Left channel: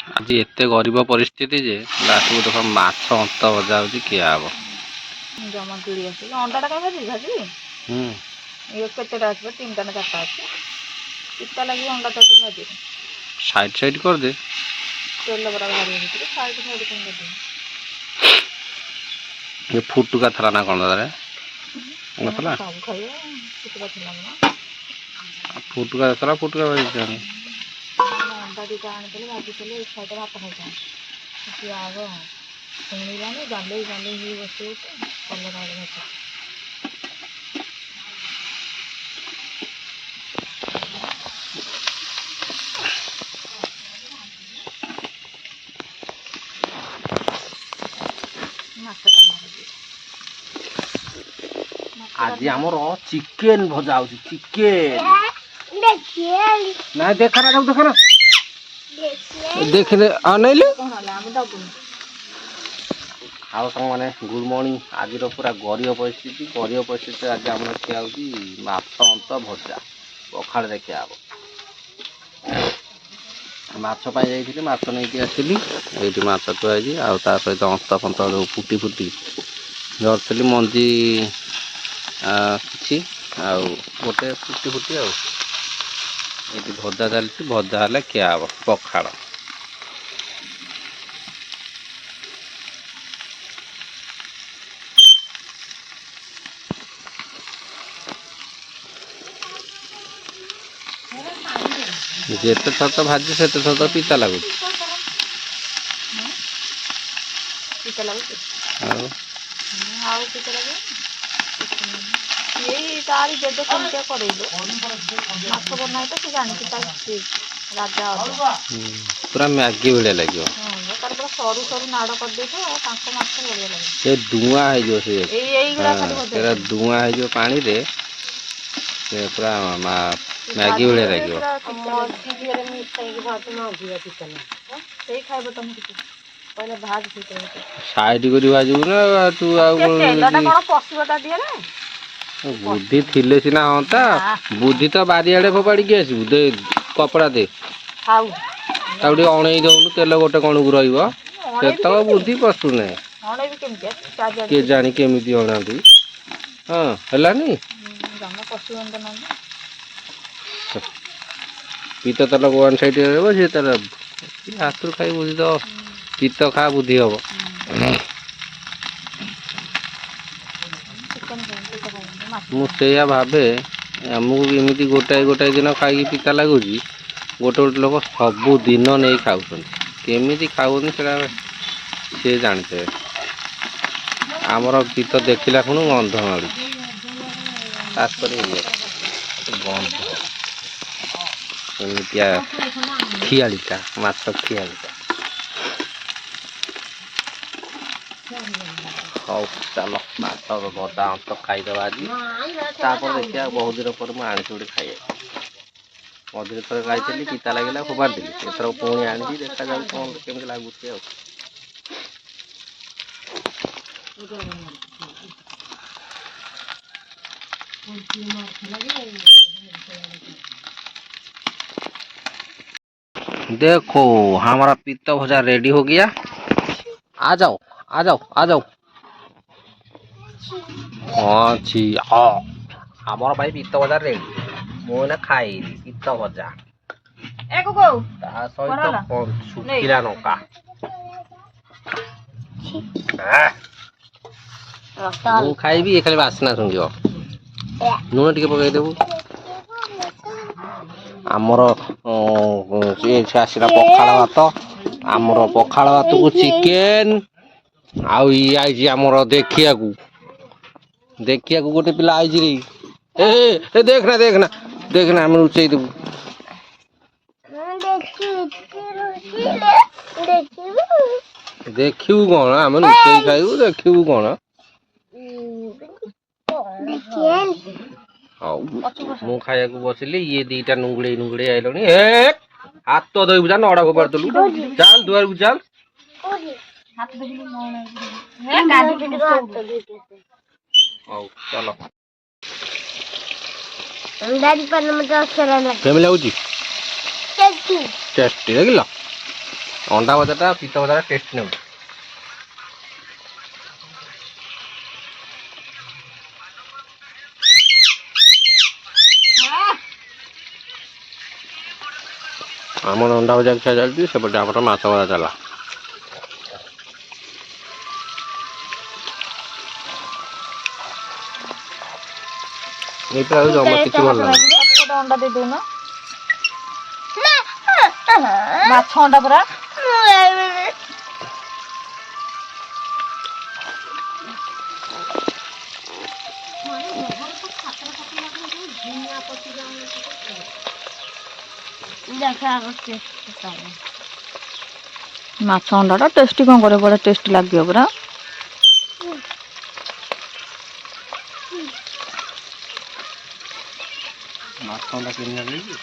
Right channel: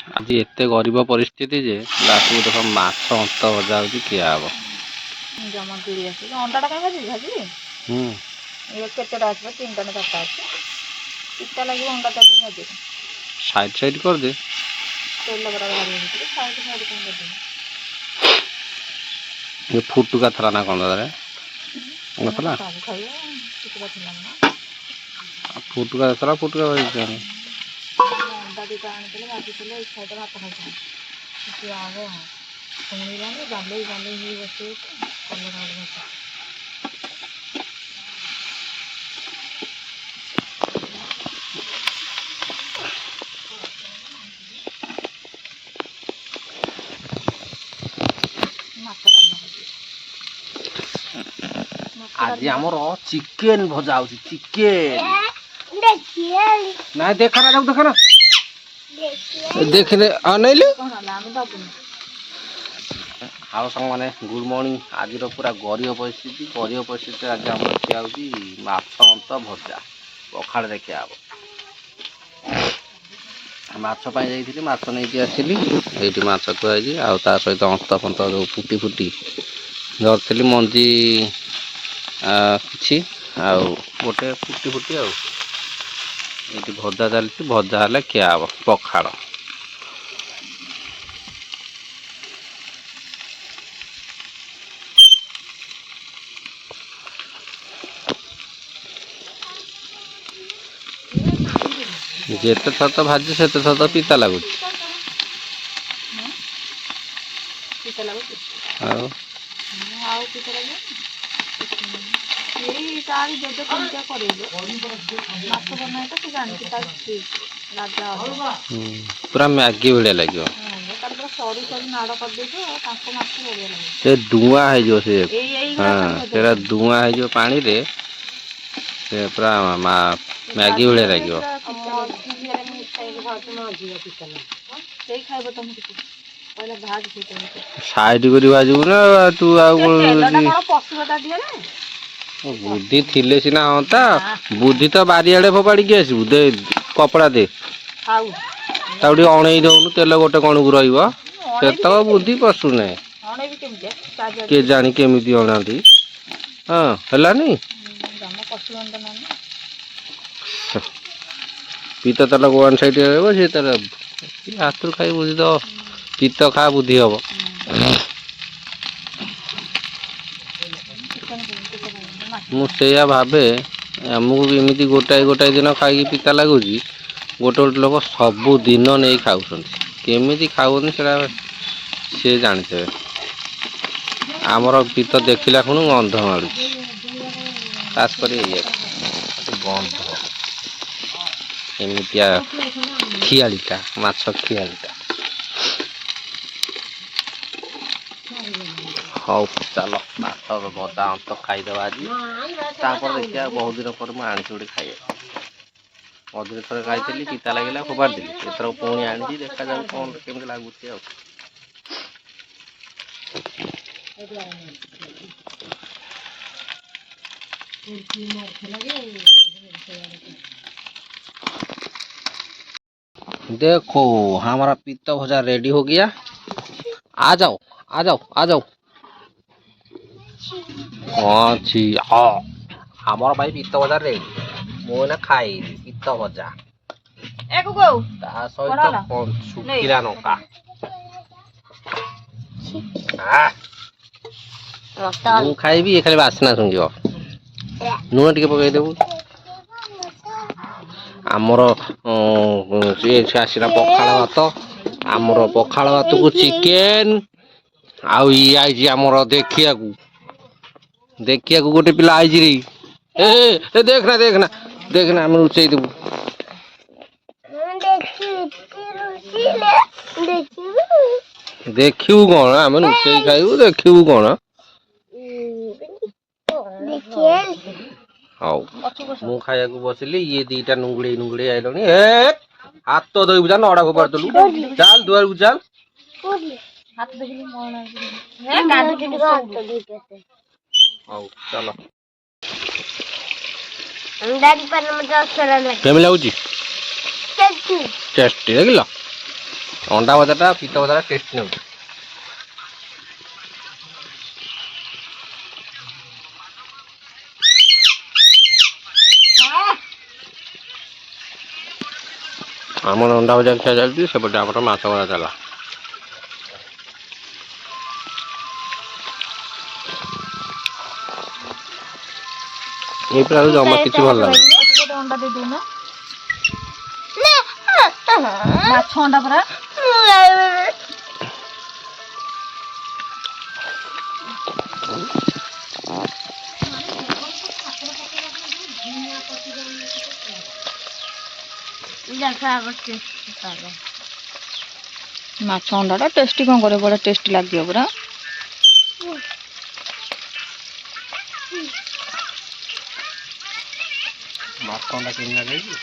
आज एते गरीब परिस्थिति जे लास्ट को देखो माछ अंत भजा होची किया हबो जमा गिड़ी आसी अंडा का भाजी भाजी ये केतेटा आछबो 3टा ना 4टा आछी कितना लगी अंडा का भाजी साइड कर दे तेल बरा भाजी भीतर साइड कर दे ये फुटुका थरा ना कोन रे नथला सब खाइए कितना थिला ना फुटुका भाजी जाने अंडा दीटा आने भाजी चले एक साइड भात खाइछा कि आगो सुनी जाने गाले गाले ही बसे कलर वाले भात आज हमर चिकन भजा होची चिकन ना देखा ना देखले अनैले हाउ संग माने गुड मॉर्निंग आज रो पूरा गरीब परिस्थिति आज हमर खिया होची माछ अंत भजा पखाड़ देखिया हबो माछ पाई जाइथिली माछ नै आसिली एठी माछ तुआजी आ ता सहित अंत फंत जो फुटी धरथिली मंजी किछि आ गोटे फुटी आ एठी भजा चलछि भजा हले खिया हबो पखाड़ जेते थर तो भाजी सेते थर तो पिता लागु पिता लागु आउ आउ पिता लागु ये तारी जद कोनटा करेलो माछ बनाय तो से जानि ता राजा पूरा मैगी बढ़िया लगियो हां तार पूरा सरू सरू नाड़ कर दे तो तांको माछ बढ़िया लागे से धुआं है जो से एई गुड़ा कर दे तेरा धुआं है जो पानी रे से पूरा मैगी बढ़िया लगियो मर्ची रे मिठाई के भात में आजी पिता ना सेई खाइबो तुम किछ पहले भात पिता साइड करी भाजू ना तू आ तेलटा कोन पसुटा दिए ना बुद्धि थिले सिना हंता बुद्धि तो बारियाडे फोपाड़ी के आसबु दे कपड़ा दे खाऊ ताउडी अणई दउनु तेल गोटे कोन को रहइबो सेतक बुद्धि पसु नै अणे भी केमते के जानी केमिति अणांती हां हलानी जाना पसु अंत ना पीत तेल को वन साइड रहइबो से तेल हाथुर खाई बुद्धि तो पीत खा बुद्धि हबो मुझे भावे आमको एमती गोटाए दिन खाई पिता लगुच गोटे गोटे लोक सबु दिन नहीं खाऊ केमी खाऊन से जानते आमर पीत देखला खुण गंध मारू खास कर गंध एमतिया खियालीटा माछ खियालीटा हाँ चल माछ भजा अंत खाईदे आज देखिए बहुत दिन पर मुझे गोटे खाए मझे थोड़े खाई पिता लगे फोपाड़ दी एथर पुणी आनी देखा जाऊ कौन केमी लगुच देखो हमारा पीता भजा रेडी हो गया आ जाओ आ जाओ आ जाओ अच्छी हाँ हमारा भाई पीता भजा रेडी मुझे खाई पीता भजा एको को ता सहित कोन सुखिला नका मु खाइबी ए खाली बासना सुंगियो नुन टिके पकाई देबू आमर ये आसला पखाड़ भात आमर पखाड़ भात को चिकेन आउ ई आई आमर देखिया को गोटे पिला आई रे ए देखना हम उचै देबू देखिबू कौन आम नुचै खाइबू देखिबू कौन मु खाया बसिली ये दीटा नुंगड़े आइलनी हाथ तो धोई बुझा नड़ा को पड़तलु चल दुआर को चल हाथ देखलु हे गाडी के हाथ धोके आओ चलो अंदाज पर मुझे असर लगे केम लागुची टेस्टी लगिला ଅଣ୍ଡା ଭଜାଟା ପିତା ଭଜାଟା ଟେଷ୍ଟ ନେଉଛି। ଆମର ଅଣ୍ଡା ଭଜା ଖିଆ ଚାଲିଛି, ସେପଟେ ଆମର ମାଛ ଭଜା ଚାଲା। ଏଇ ପୁରା ଜମା କିଛି ଭଲ ଲାଗୁନି। ଗୋଟେ ଅଣ୍ଡା ଦେଇ ଦଉନ। ମାଛ ଅଣ୍ଡା ପୁରା। ମାଛ ଅଣ୍ଡାଟା ଟେଷ୍ଟି କଣ କରିବ, ବଢ଼ିଆ ଟେଷ୍ଟି ଲାଗିବ ପୁରା। ମାଛ ଅଣ୍ଡା କିଣି ଆଣିକି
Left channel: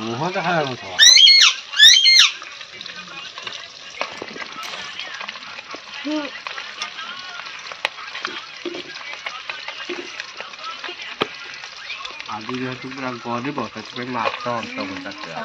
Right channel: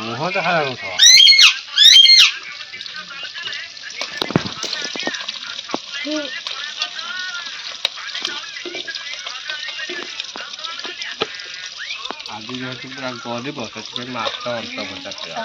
ମୁହଁଟା ଖାଇବା କଥା। ଆଜି ଯେହେତୁ ପୁରା ଗରିବ, ସେଥିପାଇଁ ମାଛ ଅନ୍ତ ଭଜା ଖିଆ।